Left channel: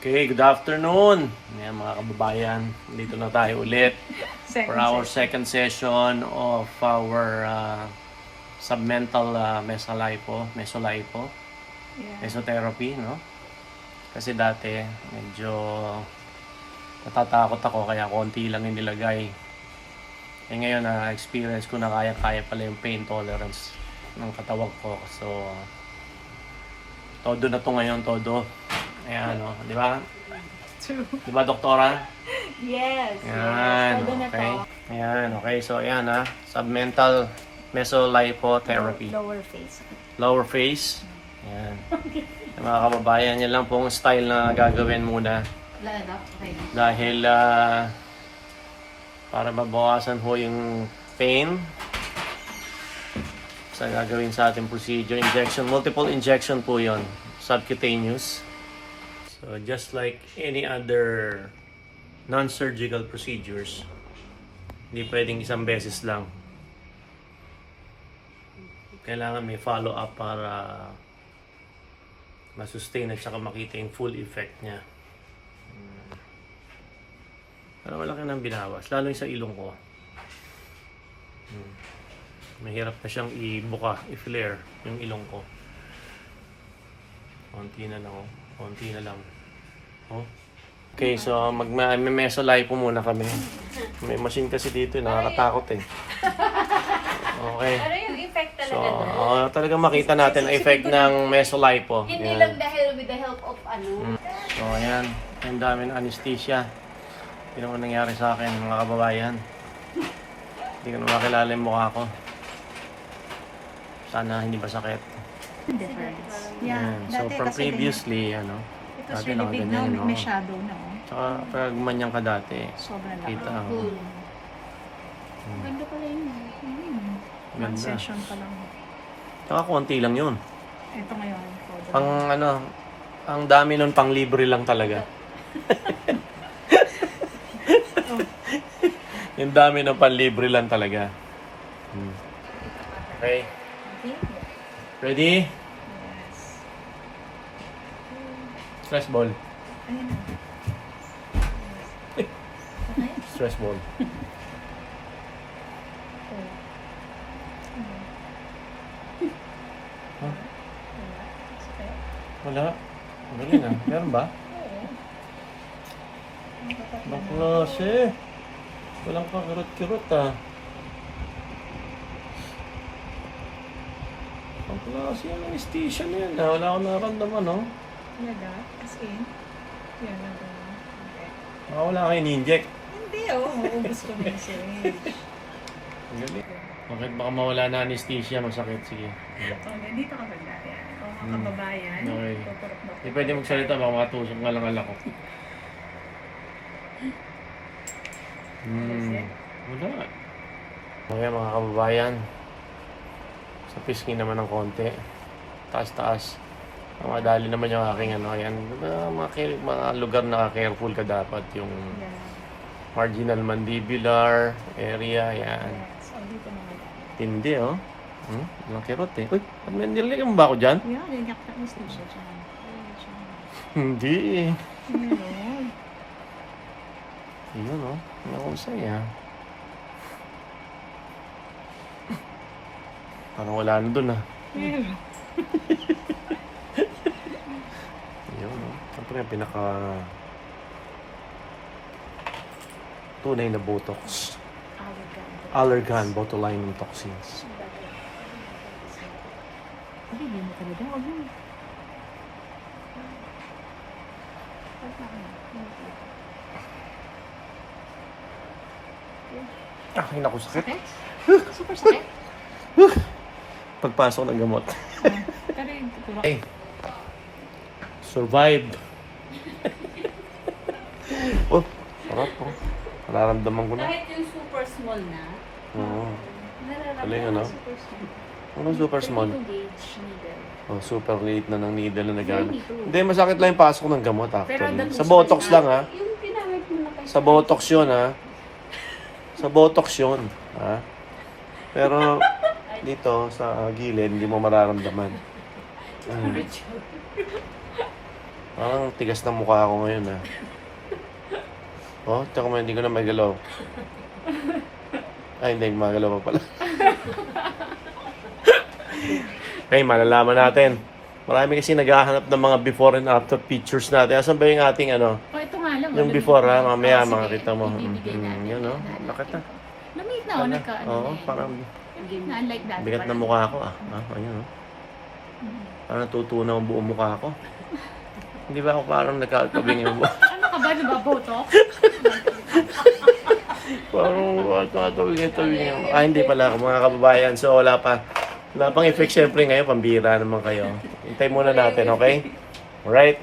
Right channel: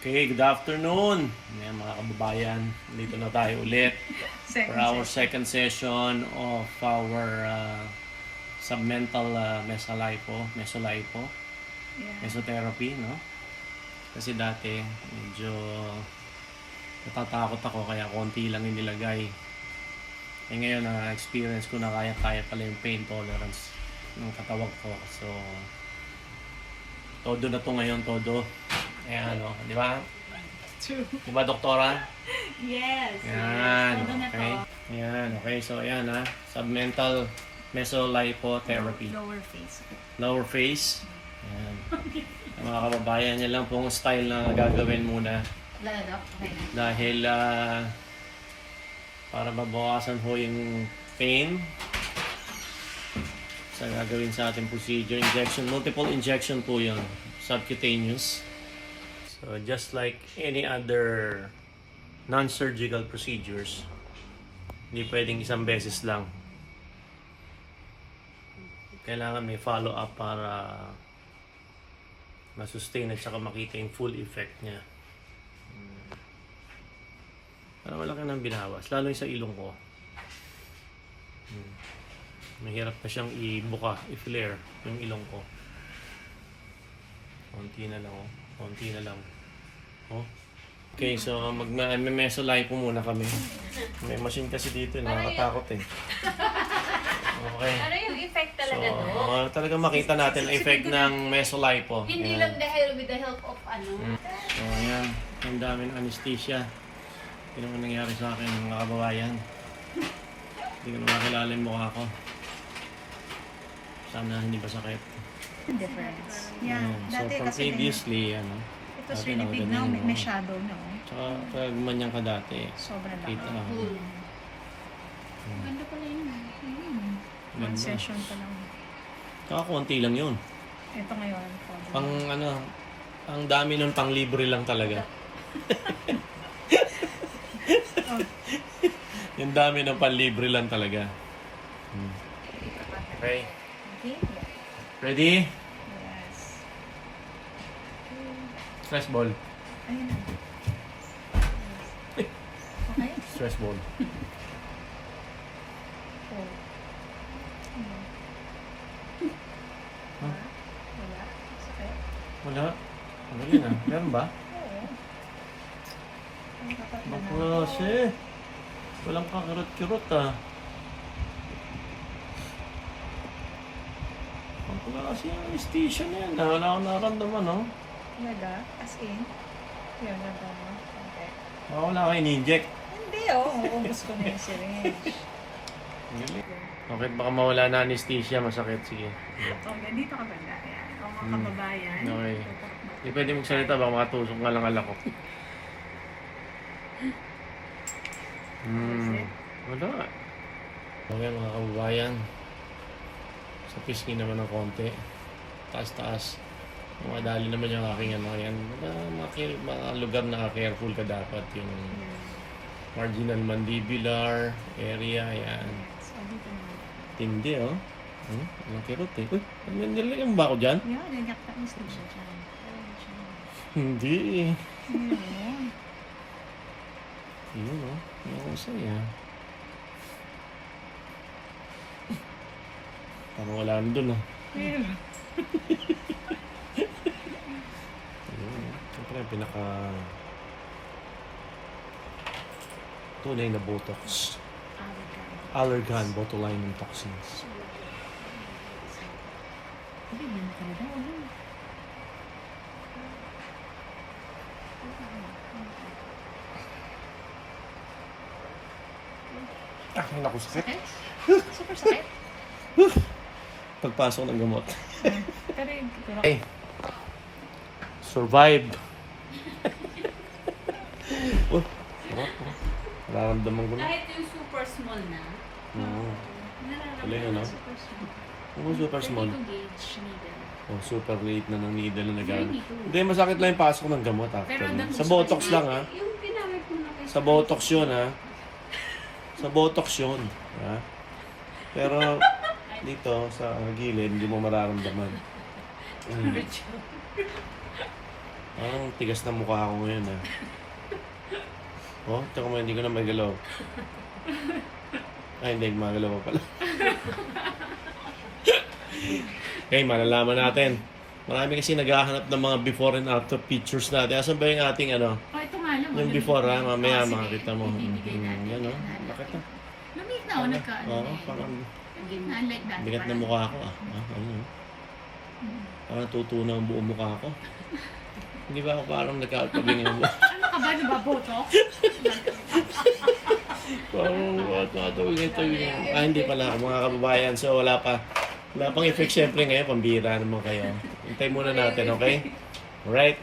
Okay, good afternoon. Yan mga kababayan, dito na tayo ulit for our second session of our submental mesotherapy, no? Kasi dati medyo natatakot ako kaya konti lang yung nilagay. Eh ngayon na experience ko na kaya pala yung pain tolerance ng katawan ko. So todo na to ngayon, todo. Ayan, no? Di ba? True. Di ba, doktora? Yes. Ayan, Todo na okay. to. Ayan, okay. So, ayan ha. Submental mesolipotherapy. Lower face. Lower face. Ayan. Mga kababayan, yan lang pong style na gagawin muna. Wala na. Okay na. Dahil para mabawasan ho yung pain sa gagawin sa ating procedure. Injection, multiple injection po yon, subcutaneous. So just like any other non-surgical procedures, hindi pwedeng isang beses lang. Kailangan may follow-up para masustain at saka makita yung full effect niya. Para malaki nang binawas, lalo yung sa ilong ko. Mahirap na siyang i-buka, i-flare yung ilong ko. Konti na lang, oh. Konti na lang. Oh. Okay, so mag-mesolipo muna kami. May machine kasi dito, nakakatakot eh. Okay. Ano yung effect talaga So, doon? talagang makita natin ang effect ng mesolipo. Hindi Yan. lang dahil with the help of ano. So, ayan. Ang dami ng anesthesia. Hindi naman nangyari sa akin, mga kababayan. Hindi ko na makilala yung mukha ko. Sana hindi masakit. Difference. Yeah. Ayan. So, Dati from kasi previously, ano, it was dati really big now. nakaganyan, no? May shadow na. Oh. Tsaka, pag manyang ka dati, Sobrang laki. kita. Ganda pala yun. One Ganda. session pa lang. Tsaka konti lang yun. Ito ngayon. Pang ano, ang dami nun pang libre lang talaga. Yung dami ng pang libre lang talaga. Okay. Okay. Ready? Yes. Stress ball. Ayun na. Okay. Stress ball. Oh. Huh? Wala. Sakit. Wala. Galing ah. Meron ba? Oo. Baklase. Walang kakirot-kirot ah. Baklase yung anesthesia na yan. Wala akong naramdaman, no? Talaga? As in? Yun, nagano. Okay. Baka wala kayo in-inject. Hindi oh. Maubos ko na yung syringe. Galing. Bakit baka mawala na anesthesia, masakit. Sige. Oh, dito ka banda. Yan. O mga kababayan. Okay. Tuturok na. Hindi pwede magsalita, baka makatusok nga lang alak ko. Wala. Okay mga kababayan. Sa pisngi naman ng konti. Taas-taas. Madali naman yung aking ano. Yan. Mga lugar na careful ka dapat. Yung marginal mandibular area. Yan. So, dito na. Tindi oh. Walang kirot eh. Uy, may nililigam ba ako dyan? Yeah, nanyak na anesthesia siya. Hindi eh. Ayun. Yun oh. Hindi akong saya. Parang wala na dun ah. Ayun. Yun oh. Siyempre ang pinaka tunay na Botox. Allergan botulinum toxins. Hindi na talaga. Abo. Ay, naku, sakit. Sakit? Super sakit? Pagpasok ng gamot. Pero yung tutulak. Hey. Survived. Oh, sarap oh. Nararamdaman ko na. Kahit yung super small na, Oo. nararamdaman Galing, ano? super small. Anong super small? 32 gauge needle. Oh, super late na ng needle na nagano. Hindi, Hindi, masakit lang yung pasok ng gamot Pero actually. ang Sa Botox lang ha. Yung ginamit mo na kayo. Sa Botox yun ha. Sa Botox yun. Ha? Pero dito sa gilid, hindi mo mararamdaman. Parang tigas ng mukha ako ngayon ah. Oh, tsaka mo hindi ko na magalaw. Ay, hindi, magalaw pa pala. Okay, malalaman natin. Marami kasi naghahanap ng mga before and after pictures natin. Asan ba yung ating ano? Oh, ito nga lang. Yung before ha, mamaya makakita mo. Yan o, lakit na. Lumit na, Ano? nagka. Oo, parang Unlike that. bigat na mukha ko ah. Ayun o. Parang tutunaw ang buong mukha ko. Hindi ba ako parang nagkakabing yung mukha? Ano ka ba? Nababotox? Parang nagkakabing. Hindi pala ako mga kababayan. So wala pa. Wala pang effect syempre ngayon, pambira naman kayo. Hintay muna natin, okay? Alright?